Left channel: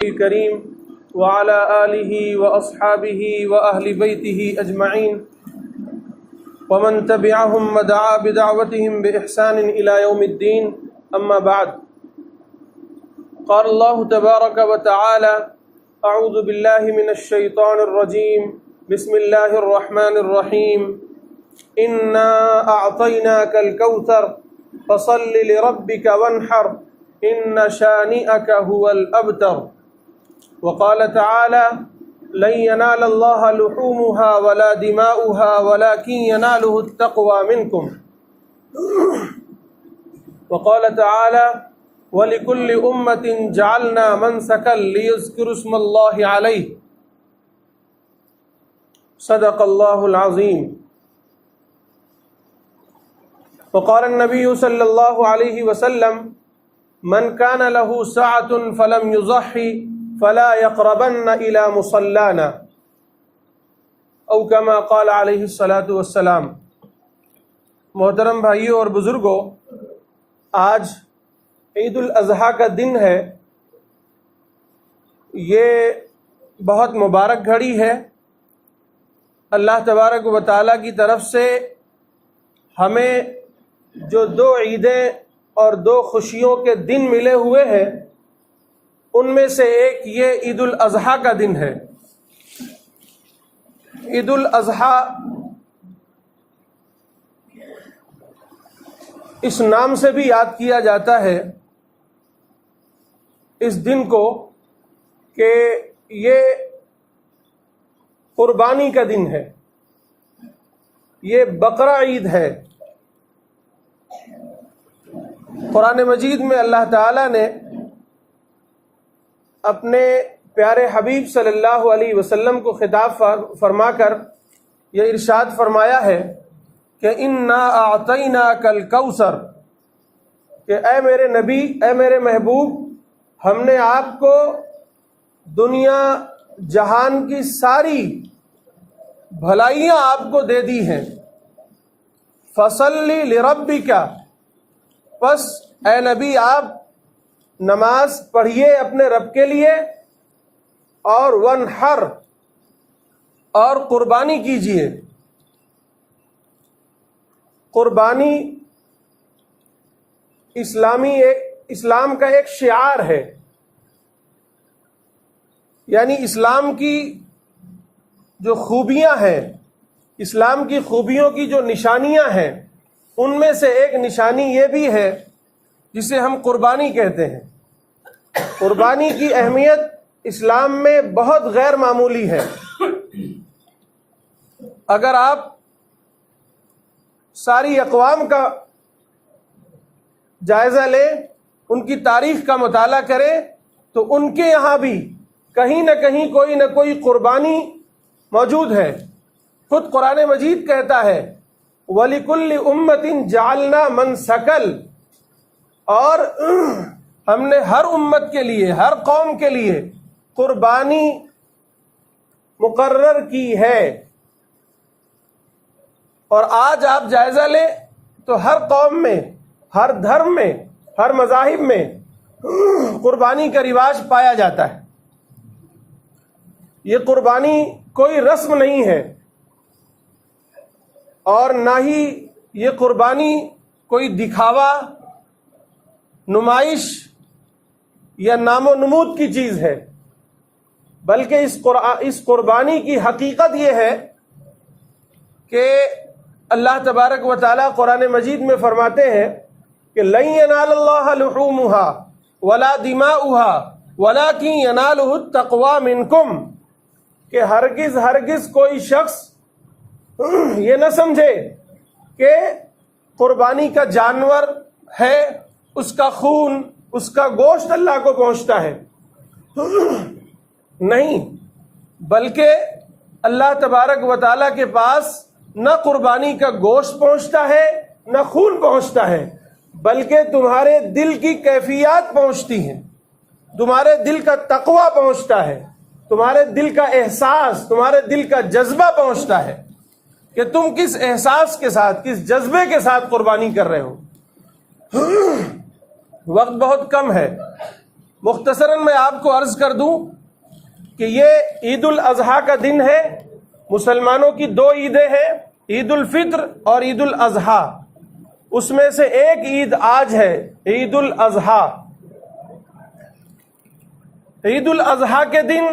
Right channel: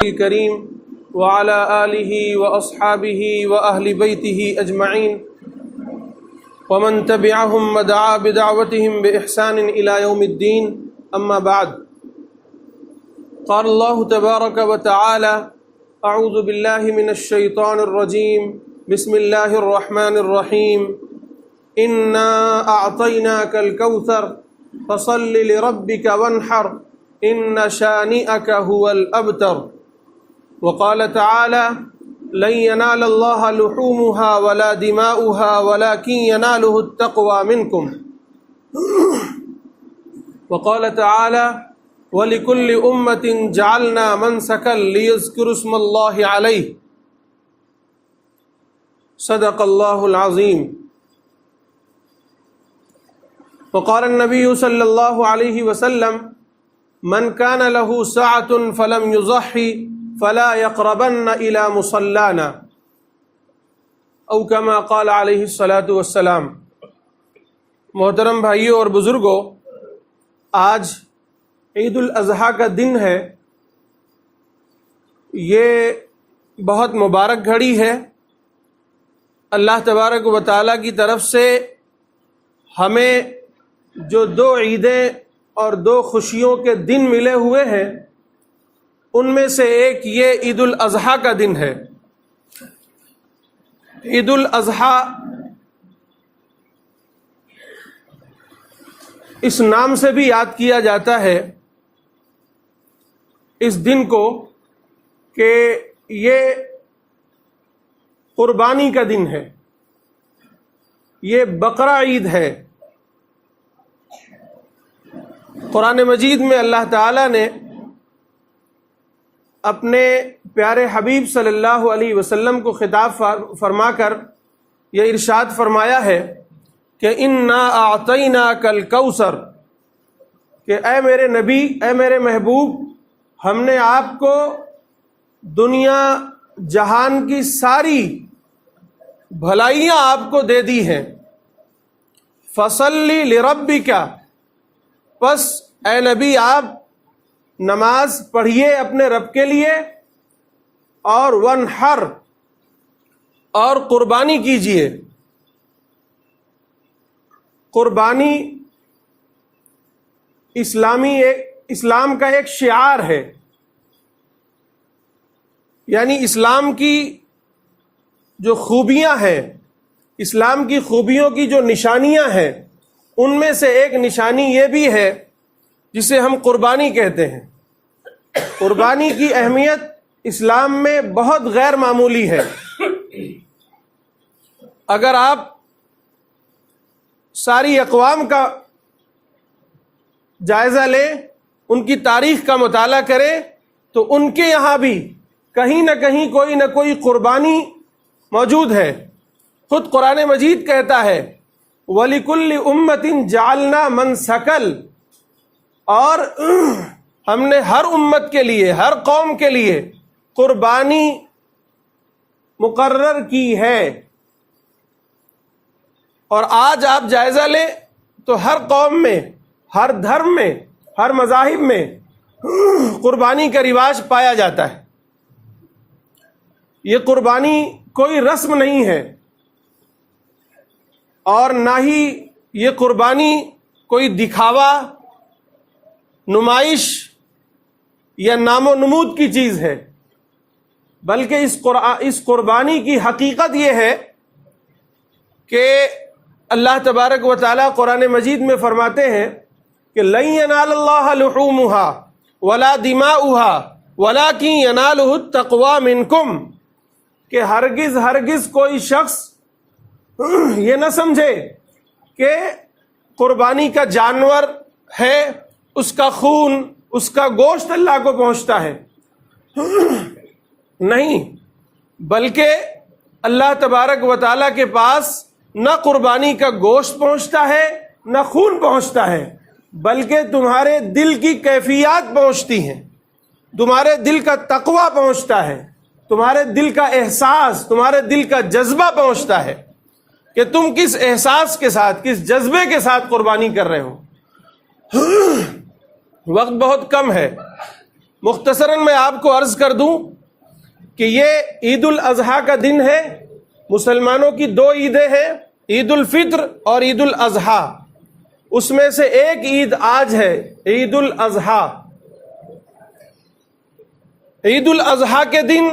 الكريم وعلى آله وأصحابه وأهل بيته أجمعين ومن تبعهم ودعا بدعوتهم بإحسان إلى يوم الدين أما بعد قال الله تبارك وتعالى أعوذ بالله من الشيطان الرجيم بسم الله الرحمن الرحيم إنا أعطيناك الكوثر فصل لربك وانحر إن شانئك هو الأبتر وقال تعالى لن ينال الله لحومها ولا دماؤها ولكن يناله التقوى منكم وقال تعالى ولكل أمة جعلنا منسكا ليذكروا اسم الله عليه صدق الله العظيم وقال النبي صلى الله عليه وسلم من كان له سعة فلم يضحي فلا يقربن إلى مصلانا او كما قال عليه الصلاة والسلام۔ محترم بھائیوں اور بزرگوں، آج عید الاضحیٰ کا دن ہے۔ یہ بہت مبارک گھڑی ہے۔ اللہ تبارک و تعالیٰ کی طرف سے ہمیں جو دو عیدیں اور دو خوشیوں کے دن ملے ہوئے ہیں، ان میں سے ایک یہ عید الاضحیٰ کا دن ہے۔ عید الاضحیٰ اس نام سے بھی یاد کیا جاتا ہے اس دن کو کہ یہ قربانی کا دن ہے، یہ بقرہ عید ہے۔ قرآن مجید میں اللہ تعالیٰ نے اپنے پیارے حبیب صلی اللہ علیہ وسلم کو خطاب فرما کر یہ ارشاد فرمایا ہے کہ انا اعطیناک الکوثر، کہ اے میرے نبی، اے میرے محبوب، ہم نے آپ کو دنیا جہان کی ساری بھلائیاں آپ کو دے دی ہیں۔ فصلی لربک، پس اے نبی آپ نماز پڑھیے اپنے رب کے لیے، اور ونحر، اور قربانی کیجیے۔ قربانی اسلام کا ایک شعار ہے، یعنی اسلام کی جو خوبیاں ہیں، اسلام کی خوبیوں کی جو نشانیاں ہیں، ان میں سے ایک نشانی یہ بھی ہے جسے ہم قربانی کہتے ہیں۔ قربانی کی اہمیت اسلام میں بہت غیر معمولی ہے۔ اگر آپ ساری اقوام کا جائزہ لیں، ان کی تاریخ کا مطالعہ کریں، تو ان کے یہاں بھی کہیں نہ کہیں کوئی نہ کوئی قربانی موجود ہے۔ خود قرآن مجید کہتا ہے وَلِكُلِّ أُمَّةٍ جَعَلْنَا مَنْسَكًا، اور ہم نے ہر امت کے لیے، ہر قوم کے لیے قربانی مقرر کی ہے۔ اور آج آپ جائزہ لیں تو ہر قوم میں، ہر دھرم میں، ہر مذاہب میں قربانی کا رواج پایا جاتا ہے۔ یہ قربانی کوئی رسم نہیں ہے، اور نہ ہی یہ قربانی کوئی دکھاوا، نمائش یا نام و نمود کی چیز ہے، بلکہ اس قربانی کی حقیقت یہ ہے کہ اللہ تبارک و تعالیٰ قرآن مجید میں فرماتے ہیں کہ لن ینال اللہ لحومها ولا دماؤها ولکن ینالہ التقوی منکم، کہ ہرگز کوئی شخص یہ نہ سمجھے کہ قربانی کا جانور ہے، اس کا خون، اس کا گوشت اللہ کو پہنچتا ہے، نہیں، بلکہ اللہ تبارک و تعالیٰ کے پاس نہ قربانی کا گوشت پہنچتا ہے، نہ خون پہنچتا ہے، بلکہ تمہارے دل کی کیفیات پہنچتی ہیں، تمہارے دل کا تقوی پہنچتا ہے، تمہارے دل کا احساس، تمہارے دل کا جذبہ پہنچتا ہے کہ تم کس احساس کے ساتھ، کس جذبے کے ساتھ قربانی کر رہے ہو۔ وقت بہت کم ہے، مختصراً میں آپ کو عرض کر دوں کہ یہ عید الاضحیٰ کا دن ہے. مسلمانوں کی دو عیدیں ہیں، عید الفطر اور عید الاضحیٰ. اس میں سے ایک عید آج ہے، عید الاضحیٰ. عید الاضحیٰ کے دن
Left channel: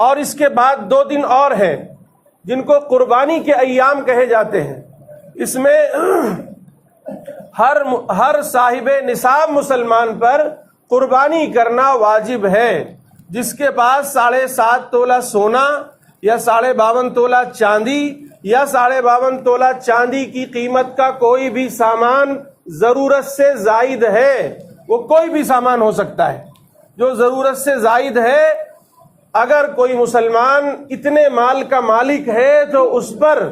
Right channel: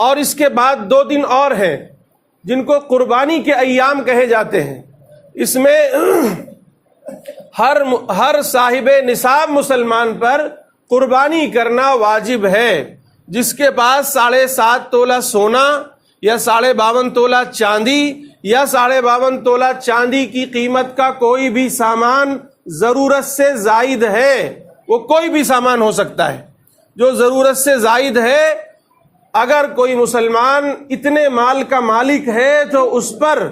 اور اس کے بعد 2 دن اور ہیں جن کو قربانی کے ایام کہے جاتے ہیں. اس میں ہر صاحب نصاب مسلمان پر قربانی کرنا واجب ہے. جس کے پاس 7.5 تولہ سونا یا 52.5 تولہ چاندی یا 52.5 تولہ چاندی کی قیمت کا کوئی بھی سامان ضرورت سے زائد ہے، وہ کوئی بھی سامان ہو سکتا ہے جو ضرورت سے زائد ہے، اگر کوئی مسلمان اتنے مال کا مالک ہے تو اس پر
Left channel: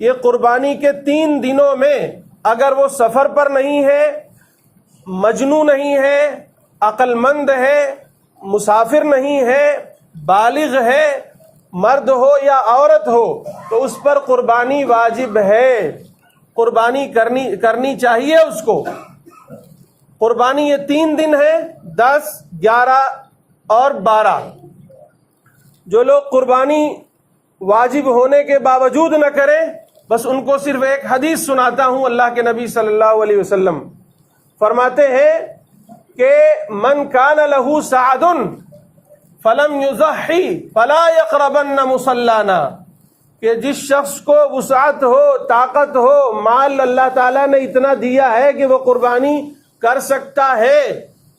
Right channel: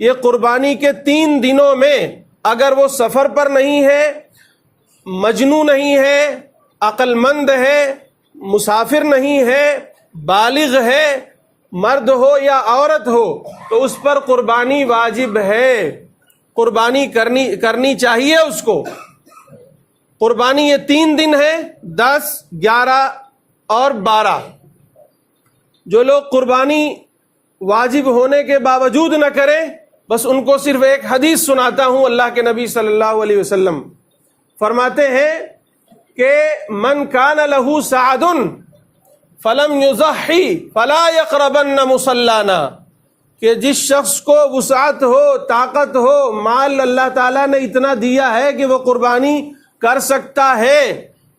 یہ قربانی کے 3 دنوں میں، اگر وہ سفر پر نہیں ہے، مجنون نہیں ہے، عقل مند ہے، مسافر نہیں ہے، بالغ ہے، مرد ہو یا عورت ہو، تو اس پر قربانی واجب ہے. قربانی کرنی چاہیے اس کو. قربانی یہ 3 دن ہے، 10، 11 اور 12. جو لوگ قربانی واجب ہونے کے باوجود نہ کریں، بس ان کو صرف ایک حدیث سناتا ہوں. اللہ کے نبی صلی اللہ علیہ وسلم فرماتے ہیں کہ من کان لہ سعد فلم یضحی فلا یقربن مصلانا، کہ جس شخص کو وسعت ہو، طاقت ہو، مال اللہ تعالیٰ نے اتنا دیا ہے کہ وہ قربانی کر سکتا ہے،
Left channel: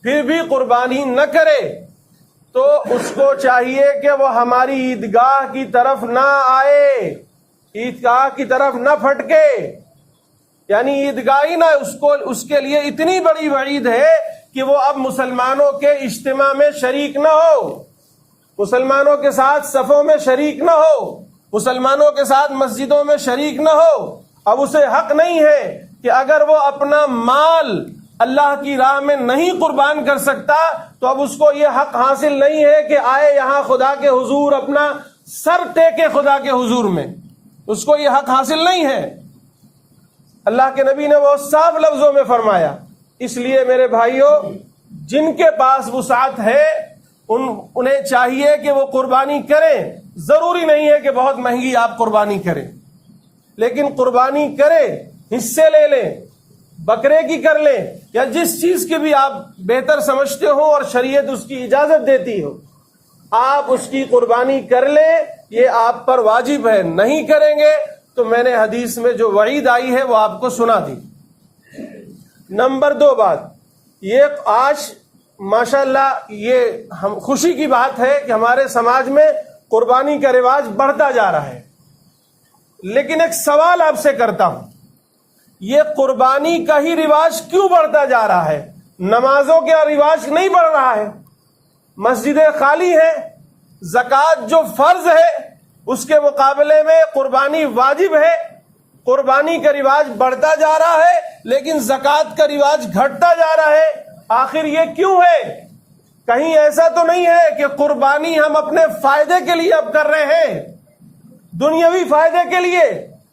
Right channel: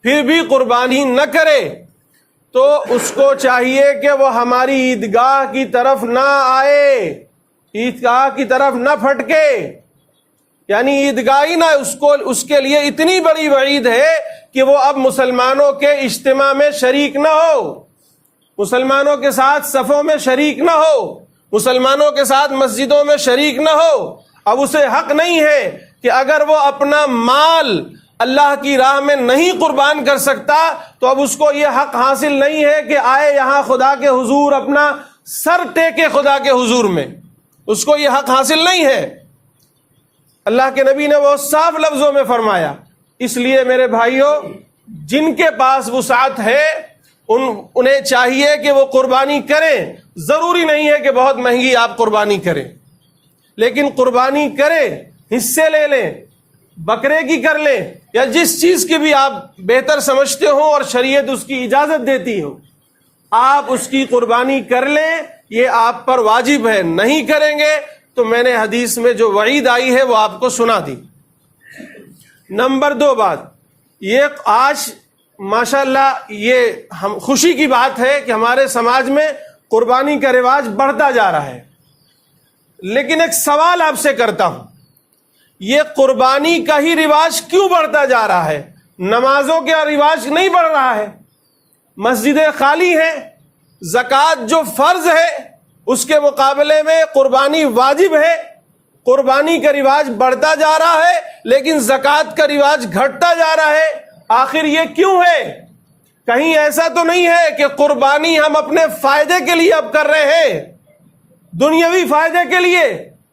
پھر بھی قربانی نہ کرے، تو اس کو چاہیے کہ وہ ہماری عیدگاہ کی طرف نہ آئے، عیدگاہ کی طرف نہ پھٹکے. یعنی عیدگاہ ہی نہ، اس کے لیے اتنی بڑی وعید ہے کہ وہ اب مسلمانوں کے اجتماع میں شریک نہ ہو، مسلمانوں کے ساتھ صفوں میں شریک نہ ہو، مسلمانوں کے ساتھ مسجدوں میں شریک نہ ہو. اب اسے حق نہیں ہے کہ اگر وہ اپنا مال اللہ کی راہ میں نہیں قربان کر سکتا تو اب اس کو یہ حق حاصل نہیں ہے کہ آئے یہاں خدا کے حضور اپنا سر ٹیکے خدا کے حضور میں. اس کو یہ حق حاصل نہیں ہے. اللہ کے نبی نے وہ صاف لفظوں میں فرمایا. اس لیے میرے بھائیوں، جن کے پاس وسعت ہے انہیں چاہیے کہ وہ قربانی کریں. ضروری نہیں ہے کہ بہت مہنگی آپ قربانی کریں، لیکن قربانی کریں، حصے لے لیں، بکرے کی کر لیں یا جس چیز کی بھی آپ بہتر سمجھتے ہو اور شریعت اس کی اجازت دیتی ہو، آپ اس کی قربانی کر لیں. یہ آپ پر واجب ہے. نہیں کریں گے تو میں نے حدیث میں جو وعید آئی ہے وہ آپ کو سنا دی. نمبر 2 بات یہ، آج ماشاءاللہ یہ ہم خوشی کی بات ہے کہ ہمارے سماج میں قربانی کا رواج بڑھتا جا رہا ہے. لیکن ایک سوال آپ سے کرتا ہوں، یہ قربانی کا ہی رواج کیوں بڑھتا جا رہا ہے؟ نمازوں کا رواج نہیں بڑھ رہا ہے، مسجدیں خالی ہیں، زکوٰۃ جو فرض ہے اس کے مقابلے میں قربانی واجب ہے. قربانی کا رواج بڑھتا جا رہا ہے لیکن زکوٰۃ کا رواج گھٹتا جا رہا ہے. آخر یہ کیوں ہے؟ کہیں ایسا تو نہیں ہے کہ قربانی ہم اپنے فائدے کے لیے اب کر رہے ہیں، دنیاوی فائدے کے لیے،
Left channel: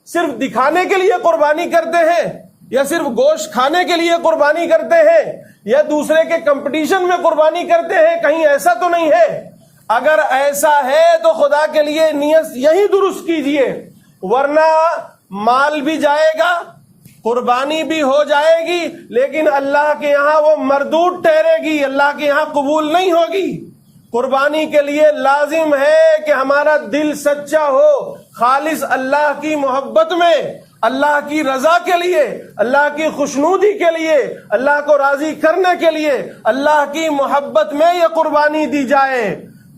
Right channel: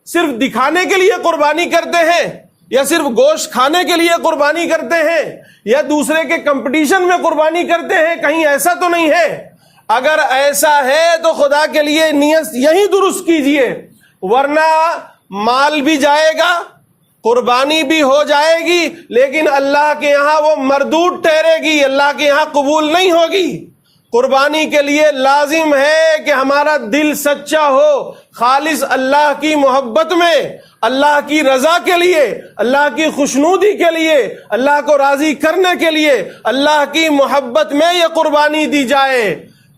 صرف دکھانے کے لیے قربانی کرتے ہیں، یا صرف گوشت کھانے کے لیے قربانی کرتے ہیں، یا دوسرے کے کمپٹیشن میں قربانی کرتے ہیں؟ کہیں ایسا تو نہیں ہے. اگر ایسا ہے تو خدا کے لیے نیت یہی درست کیجئے، ورنہ مال بھی جائے گا، قربانی بھی ہو جائے گی، لیکن اللہ کے یہاں وہ مردود ٹھہرے گی، اللہ کے یہاں قبول نہیں ہوگی. قربانی کے لیے لازم ہے کہ ہمارا دل سچا ہو، خالص اللہ کی محبت میں، اللہ کی رضا کے لیے، اللہ کی خوشنودی کے لیے، اللہ کو راضی کرنے کے لیے، اللہ کی محبت میں یہ قربانی دی جائے.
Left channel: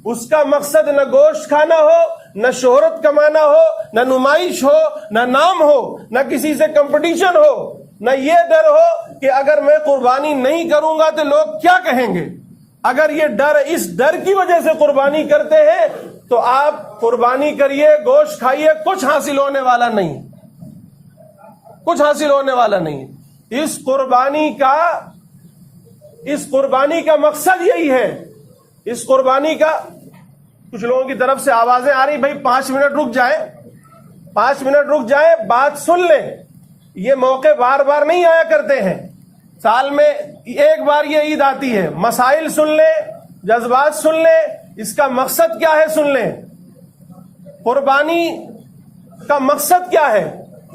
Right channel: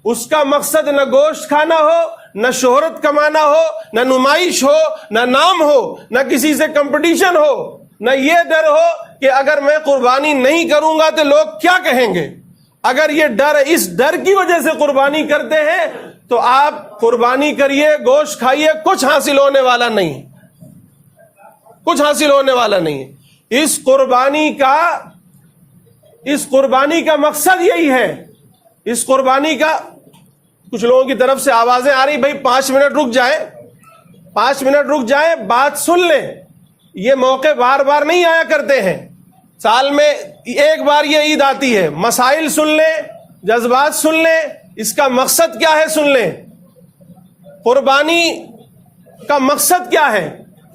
اس کا مقصد نہ گوشت کھانا ہو، نہ شہرت کمانا ہو، نہ نمائش ہو، نہ نام ہو، نہ کسی سے کمپٹیشن ہو، نہ یہ ڈر ہو کہ اگر میں قربانی نہیں کروں گا تو لوگ کیا کہیں گے. اگر یہ ڈر، اس ڈر کی وجہ سے قربانی کرتے ہیں تو آپ قربانی کریے، گوشت کھائیے، کچھ حاصل ہونے والا نہیں، کچھ حاصل ہونے والا نہیں. اس قربانی کا مقصد یہی ہے. اس قربانی کا، کچھ لوگوں کی طرف سے آوازیں آ رہی، بھائی 5 منٹ رک جائے، 5 منٹ رک جائے، بات سن لیں. یہ موقع بار بار نہیں آیا کرتے ہیں، سال میں ایک بار یہ عید آتی ہے. مسائل سن لیں، جذبات سن لیں، اس کا مقصد کیا ہے سن لیں۔ قربانی کا مقصد کیا ہے،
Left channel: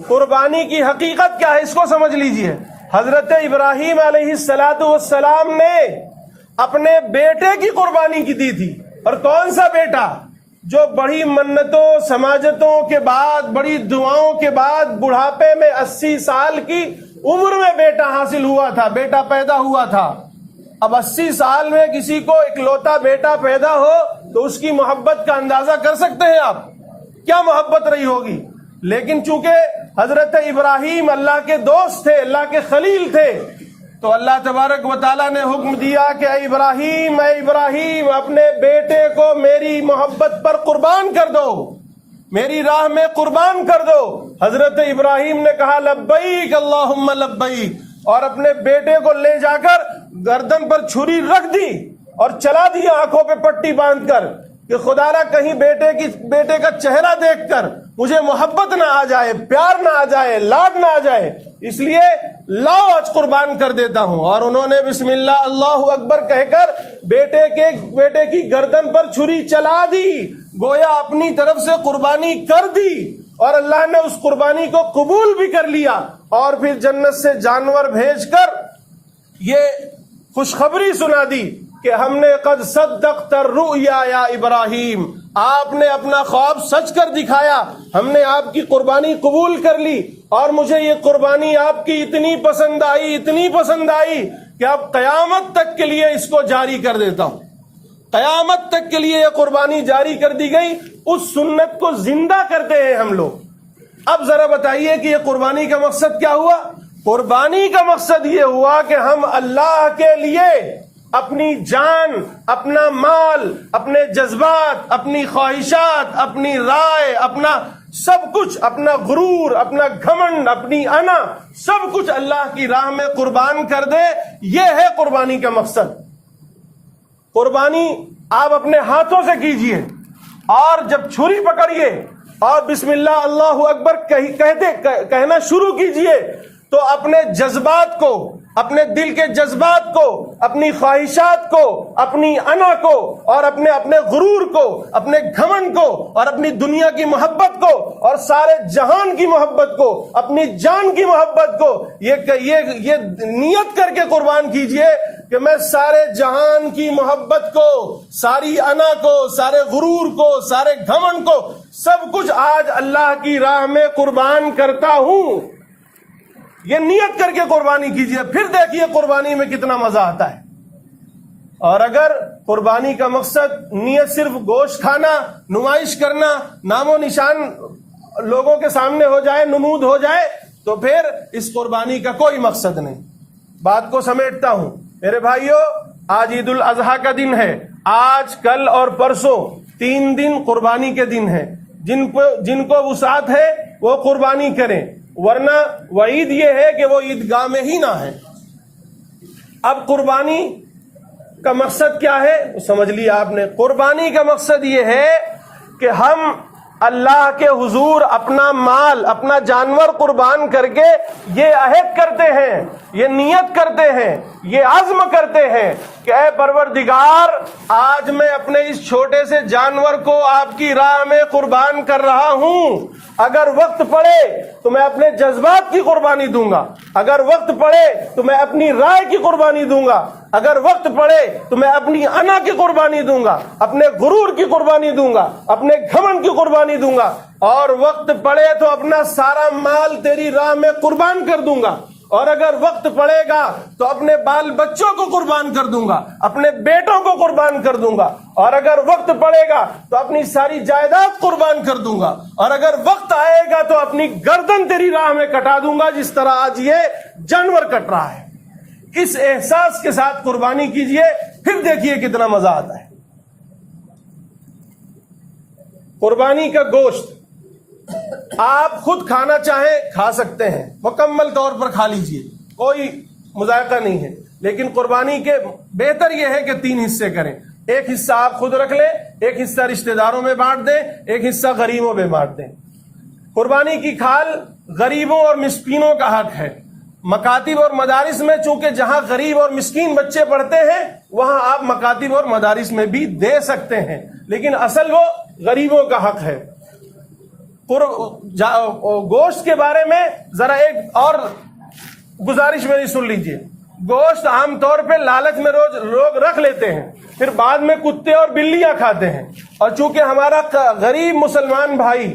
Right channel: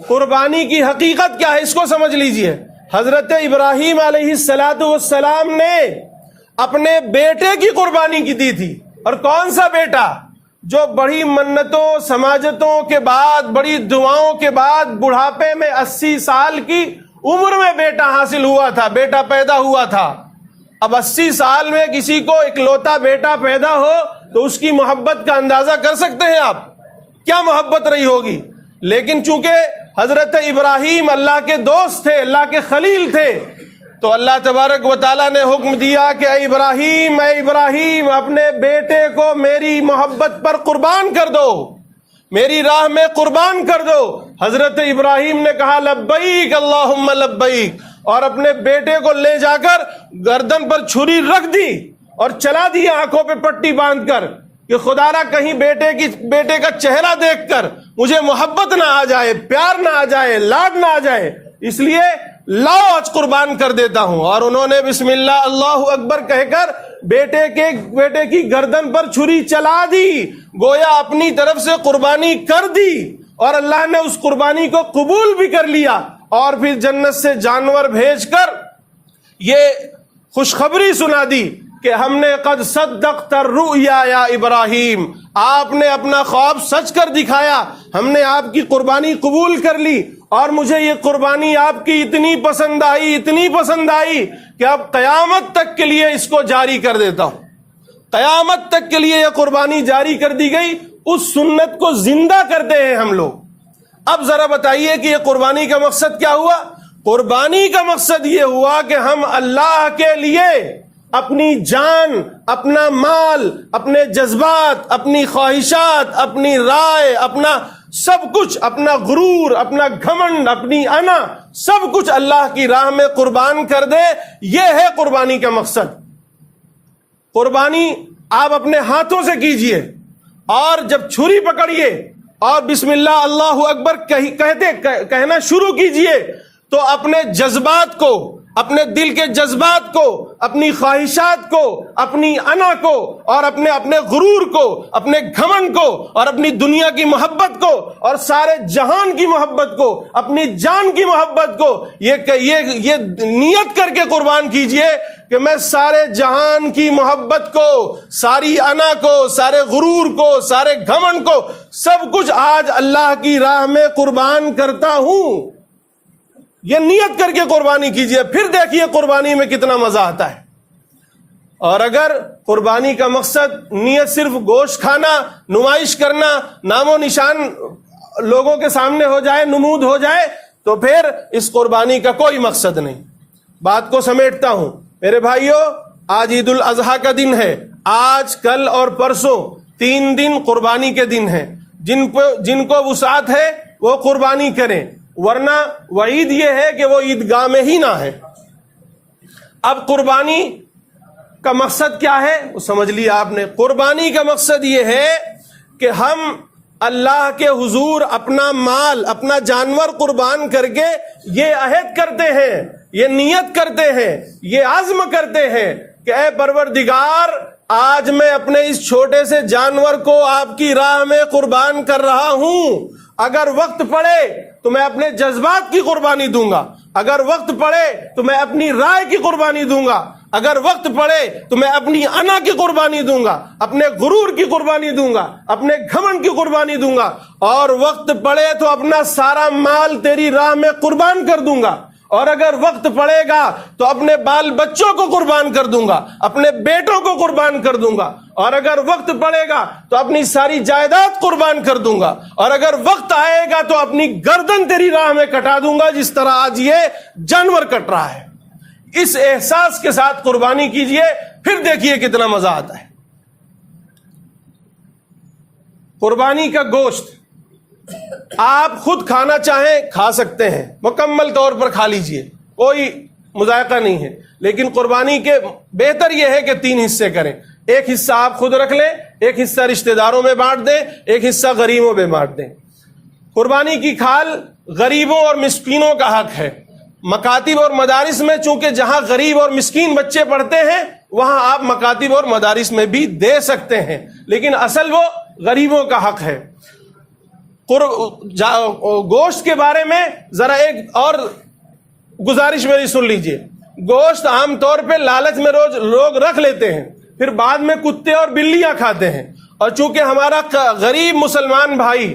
قربانی کی حقیقت کیا ہے، اس کو سمجھ لیجئے۔ حضرت ابراہیم علیہ السلام نے اپنے بیٹے کی قربانی کی دی تھی، اور کون سا بیٹا؟ جو بڑی منتوں سماجتوں کے بعد، بڑی دعاؤں کے بعد بڑھاپے میں 80 سال کی عمر میں بیٹا حاصل ہوا تھا، بیٹا پیدا ہوا تھا۔ اب 80 سال میں کسی کو اکلوتا بیٹا پیدا ہو تو اس کی محبت کا اندازہ کر سکتے ہیں آپ، کیا محبت رہی ہوگی۔ لیکن چونکہ حضرت ابراہیم اللہ کے دوست تھے، اللہ کے خلیل تھے، تو اللہ تبارک و تعالیٰ نے حکم دیا کہ اے ابراہیم اپنے بیٹے کو میری محبت پر قربان کر دو، میری راہ میں قربان کر دو۔ حضرت ابراہیم نے کہا لبیک اللہم لبیک، اور اپنے بیٹے کو لے جا کر گردن پر چھری رکھ دی اور چلا دیا آنکھوں پہ پٹی باندھ کر کہ خدا را کہیں بیٹے کا چہرہ دیکھ کر مجھے محبت نہ آ جائے، پیار نہ آ جائے، لاڈ نہ آ جائے، اس لیے لاؤ آج قربان کر دیتا ہوں۔ اور انہوں نے بسم اللہ اللہ اکبر کہہ کر بیٹے کی گردن پر چھری چلا دی، گویا اپنی طرف سے قربانی کر دی، اور اللہ نے اس قربانی کو قبول بھی کر لیا، اور پھر جنت سے جانور بھیج کر یہ خوشخبری سنا دی کہ ہم نے قد صدقت الرؤیا یا ابراہیم، آپ نے اپنا خواب سچ کر دکھایا، ہم نے آپ کی قربانی قبول کر لی، اور مجھے یہ قربانی آپ کی اتنی پسند آئی کہ اب قیامت تک کے لیے اس کو جاری کر دیتا ہوں۔ قیامت تک کے لیے یہ قربانی جاری کر دی گئی، اس سنت کو زندہ کرتے ہیں ہم لوگ۔ اب ذرا بتائیے کہ یہ قربانی کا مقصد کیا ہوا؟ قربانی کا مقصد یہ ہوا کہ ہم اللہ کے لیے اپنی جان، اپنا مال، اپنے جذبات، اپنی خواہشات، اپنی رائے، اپنا سب کچھ، اپنا غرور، اپنا گھمنڈ، اپنی انا، سب کچھ اللہ کی راہ میں قربان کر دے۔ یہ ہے قربانی کا مقصد۔ قربانی آپ اپنے ہاتھوں سے کیجئے، اور جب چھری پکڑیے اور بسم اللہ اللہ اکبر کہنا شروع کیجئے تو اپنے جذبات کو، اپنے دل کے جذبات کو، اپنی خواہشات کو، اپنی انا کو، اور اپنے غرور کو، اپنے گھمنڈ کو، اور اپنی دنیا کی محبت کو، اور سارے جہان کی محبت کو، اپنی جان کی محبت کو، یہ نیت کر کے قربان کیجئے کہ میں سارے جہان کی محبت کو، ساری انا کو، سارے غرور کو، سارے گھمنڈ کو، سب کچھ آج اللہ کی راہ میں قربان کرتا ہوں۔ یہ نیت کر کے قربانی کیجئے، پھر دیکھیے قربانی میں کتنا مزہ آتا ہے۔ اور اگر قربانی کا مقصد نیت صرف گوشت کھانا، نمائش کرنا، نام و نشان لوگوں کے سامنے ہو جائے، نمود ہو جائے، تو پھر اس قربانی کا کوئی مقصد نہیں۔ بات کو سمیٹتا ہوں میرے بھائیوں، آج عید الاضحیٰ کا دن ہے، آج کل اور پرسوں 3 دن قربانی کے دن ہیں۔ جن کو وسعت ہے وہ قربانی کریں، ورنہ وعید یہ ہے کہ وہ عیدگاہ میں ہی نہ ہے۔ اب قربانی کا مقصد کیا ہے وہ سمجھ لیا آپ نے۔ قربانی کا مقصد یہ ہے کہ ہم اللہ کے حضور اپنا مال، اپنا جانور قربان کر کے یہ عہد کرتے ہیں، یہ نیت کرتے ہیں، یہ عزم کرتے ہیں کہ اے پروردگار، آج میں اپنے اس چھوٹے سے جانور کو آپ کی راہ میں قربان کر رہا ہوں۔ اگر وقت پڑے تو میں اپنے جذبات کی قربانی دوں گا، اگر وقت پڑے تو میں اپنی رائے کی قربانی دوں گا، اگر وقت پڑے تو میں اپنی انا کی قربانی دوں گا، اپنے غرور کی قربانی دوں گا، اپنے گھمنڈ کی قربانی دوں گا، اور وقت پڑے تو اپنا سارا مال تیری راہ میں قربان کر دوں گا، اور اگر وقت پڑے گا تو اپنے بال بچوں کو قربان کر دوں گا، اپنے بیٹوں کو قربان کر دوں گا، اور اگر وقت پڑے گا تو اپنی ساری جائیداد قربان کر دوں گا، اور اگر وقت آئے گا تو اپنی گردن تیری راہ میں کٹا دوں گا، جس طرح آج یہ جانور کٹ رہا ہے۔ اس احساس کے ساتھ قربانی کیجئے، پھر دیکھیے کتنا مزہ آتا ہے۔ قربانی کا گوشت آپ خود کھانا چاہیں کھا سکتے ہیں، مکمل طور پر کھا لیجئے، کوئی مذائقہ نہیں ہے، لیکن قربانی کے بہتر یہ ہے کہ 3 حصے کریں۔ ایک حصہ آپ خود رکھ لیں، ایک حصہ رشتہ داروں میں بانٹ دیں، ایک حصہ غریبوں میں بانٹ دیں۔ قربانی کی کھال غریبوں اور مسکینوں کا حق ہے۔ مکاتب اور مدارس میں چونکہ جہاں غریب اور مسکین بچے پڑھتے ہیں وہاں آپ مکاتب اور مدارس میں بھی دے سکتے ہیں، لیکن اصل وہ غریبوں کا حق ہے۔ گوشت کے بارے میں ذرا ایک اور گزارش میری سن لیجئے۔ گوشت عام طور پہ لالچ میں روز لوگ رکھ لیتے ہیں، پھر بعد میں کتے اور بلیاں کھاتے ہیں، اور چونکہ ہمارا غریب مسلمان بھائی،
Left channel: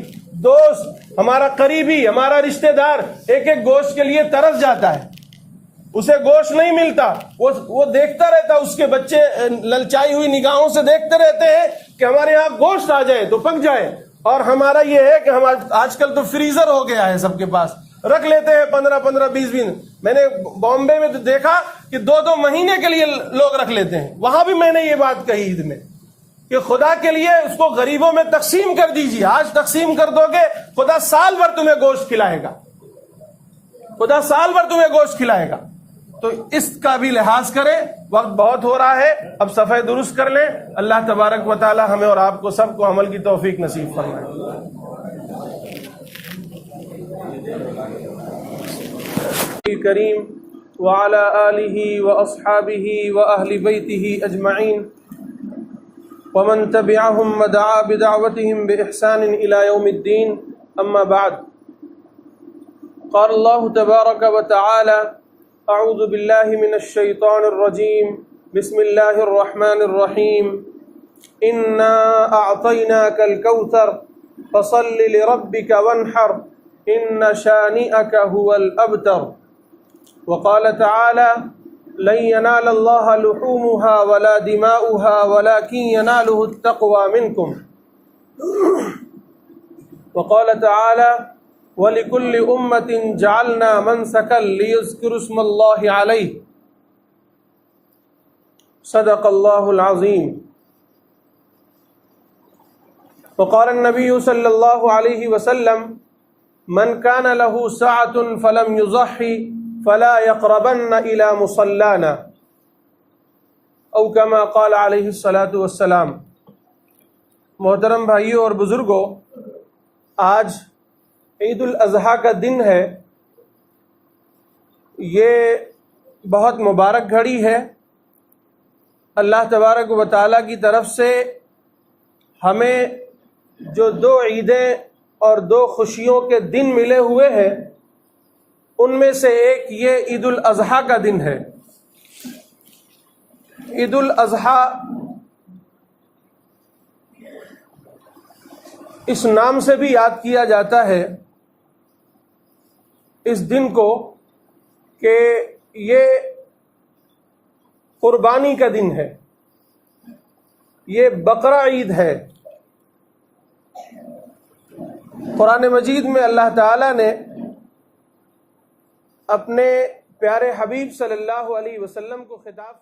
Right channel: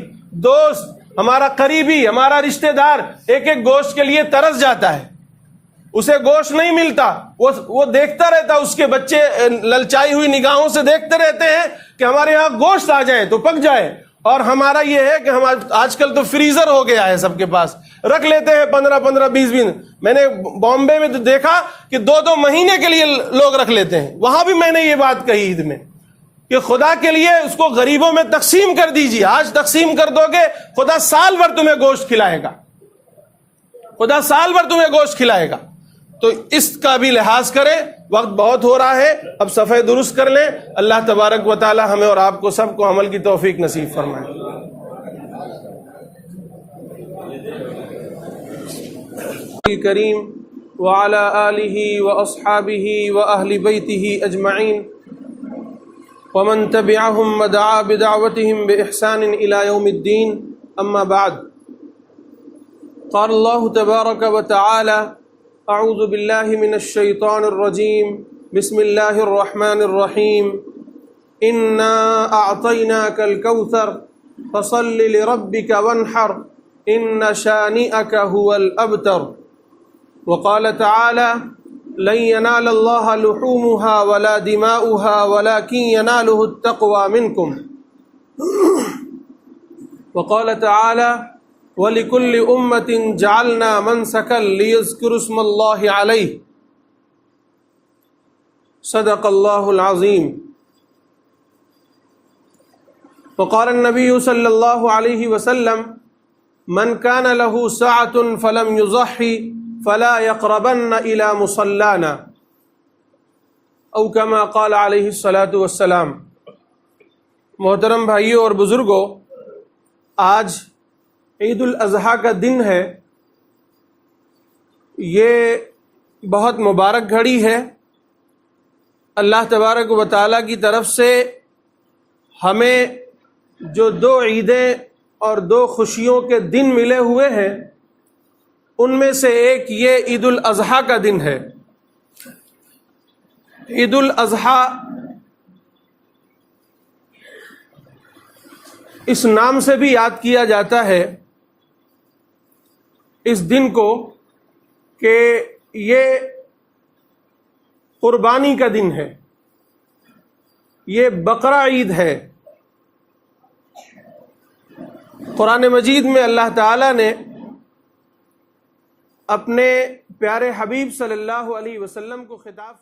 دوست، ہمارا قریبی، ہمارا رشتہ دار ایک ایک گوشت کے لیے ترس جاتا ہے، اسے گوشت نہیں ملتا، وہ دیکھتا رہتا، اس کے بچے للچائی ہوئی نگاہوں سے دیکھتے رہتے ہیں کہ ہمارے یہاں گوشت آ جائے تو پک جائے۔ اور ہمارا یہ ہے کہ آج کل تو فریزر ہو گیا ہے، سب کے پاس رکھ لیتے ہیں 15-15 20 دن۔ میں نے بامبے میں تو دیکھا کہ 2-2 مہینے کے لیے لوگ رکھ لیتے ہیں۔ وہاں بھی میں نے یہ بات کہی عید میں کہ خدا کے لیے اس کو غریبوں میں تقسیم کر دیجیے۔ آج تقسیم کر دو گے، خدا سال بھر تمہیں گوشت کھلائے گا، خدا سال بھر تمہیں گوشت کھلائے گا۔ تو اس کا بھی لحاظ کریں، وقت بہت ہو رہا ہے، اب صفحے درست کر لیں۔ اللہ تبارک و تعالی ہمیں اور آپ کو سب کو عمل کی توفیق نصیب فرمائے۔ کریم وعلی آلہ واصحابہ واہل بیتہ اجمعین ومن تبعهم ودعا بدعوتهم بإحسان إلى يوم الدين، اما بعد، قال الله تبارك وتعالى: اعوذ باللہ من الشیطان الرجیم، بسم اللہ الرحمن الرحیم، انا اعطیناک الکوثر فصل لربک وانحر ان شانئک هو الابتر۔ وقال تعالی: لن ینال اللہ لحومها ولا دماؤها ولكن ینالہ التقوى منکم۔ وقال تعالی: وَلِكُلِّ أُمَّةٍ جَعَلْنَا مَنْسَكًا لِيَذْكُرُوا اسْمَ اللَّهِ عَلَيْهِ۔ صدق اللہ العظیم۔ وقال النبی صلی اللہ علیہ وسلم: من كان له ساعة فلم يضحي فلا يقربن إلى مصلانا، او كما قال علیہ الصلاة والسلام۔ محترم بھائیوں اور بزرگوں، آج عید الاضحیٰ کا دن ہے۔ یہ بہت مبارک گھڑی ہے۔ اللہ تبارک و تعالیٰ کی طرف سے ہمیں جو 2 عیدیں اور 2 خوشیوں کے دن ملے ہوئے ہیں، ان میں سے ایک یہ عید الاضحیٰ کا دن ہے۔ عید الاضحیٰ اس نام سے بھی یاد کیا جاتا ہے اس دن کو کہ یہ قربانی کا دن ہے، یہ بقرہ عید ہے۔ قرآن مجید میں اللہ تعالیٰ نے اپنے پیارے حبیب صلی اللہ علیہ وسلم کو خطاب